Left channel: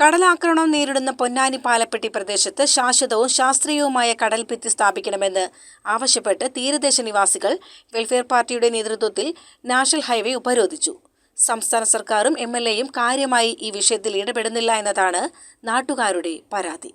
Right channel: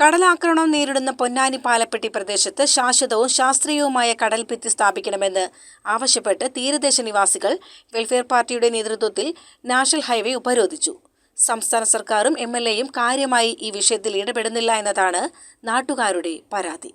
കടലാക്രമണം നേരിടുന്ന പൊന്നാനി പാലപ്പെട്ടി പ്രദേശത്ത് ശാശ്വതവും ശാസ്ത്രീയവുമായ കടൽഭിത്തി സ്ഥാപിക്കണമെന്ന് ആവശ്യപ്പെട്ട് തീരദേശ നിവാസികൾ വെൽഫെയർ പാർട്ടിയുടെ നേതൃത്വത്തിൽ നാഷണൽ ഹൈവേ ഉപരോധിച്ചു. സംസ്ഥാന സർക്കാരും MLAയും കാര്യമായി ഈ വിഷയത്തിൽ ഇടപെടുന്നില്ല എന്നതാണ് നാട്ടുകാരുടെ പരാതി.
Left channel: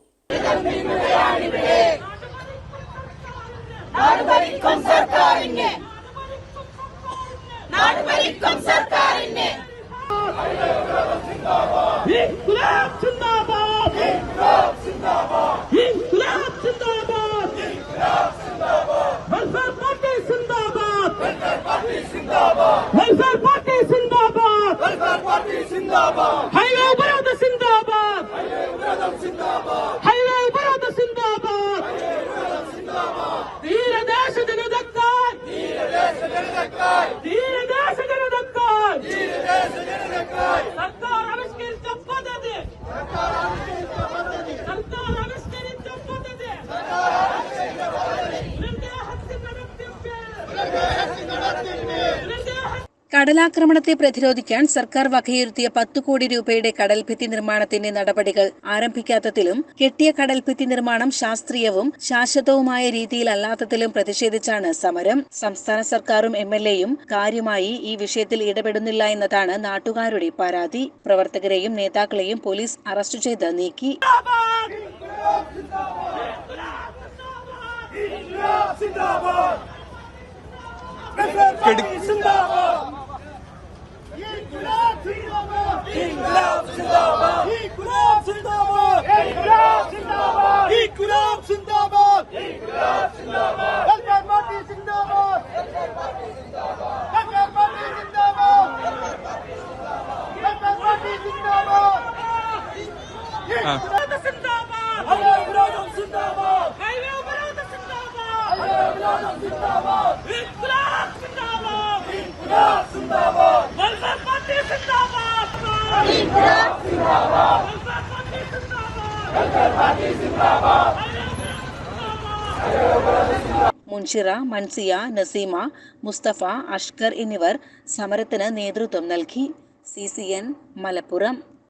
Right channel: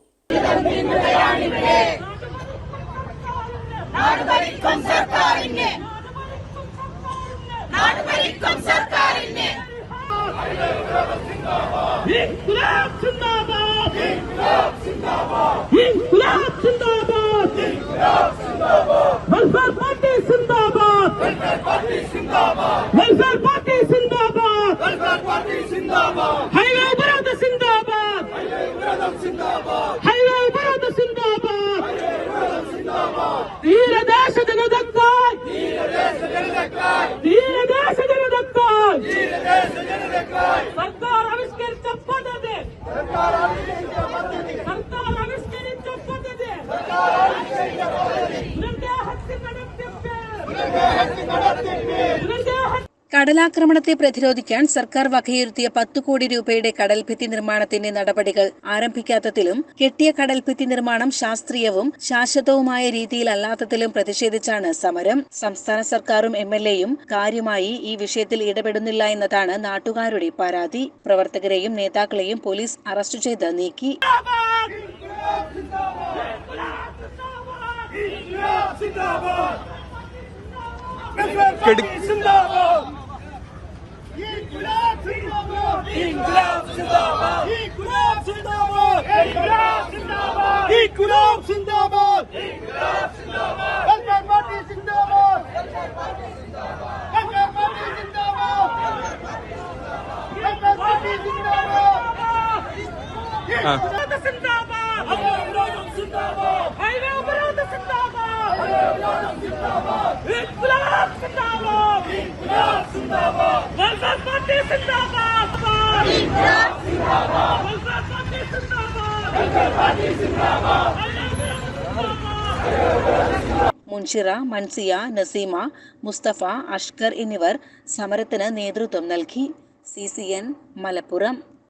കടലാക്രമണത്തെ പ്രതിരോധിക്കാൻ സർക്കാർ വകയിരുത്തിയ 10 കോടി രൂപയുടെ കടൽഭിത്തി നിർമ്മാണത്തിന്റെ നടപടികൾ ആരംഭിക്കാത്തതിലും കെട്ടിയ കടൽഭിത്തി നിർമ്മാണം ശാസ്ത്രീയവും ശാശ്വതവുമായ രീതിയിലല്ലാത്തതിലും പ്രതിഷേധിച്ചാണ് സമരം. സംസ്ഥാന സർക്കാരും MLAയും കാര്യമായി ഈ വിഷയത്തിൽ ഇടപെടുന്നില്ല എന്നതാണ് നാട്ടുകാരുടെ പരാതി. പ്രവർത്തകരെയും നേതാക്കളെയും പോലീസ് അറസ്റ്റ് ചെയ്ത് നീക്കി. മുൻഷിറ, മൻസിയ, നസീമ, മുസ്തഫ, അഷ്കർ എന്നിവർ സമരത്തിന് നേതൃത്വം നൽകി. CCN മലപ്പുറം.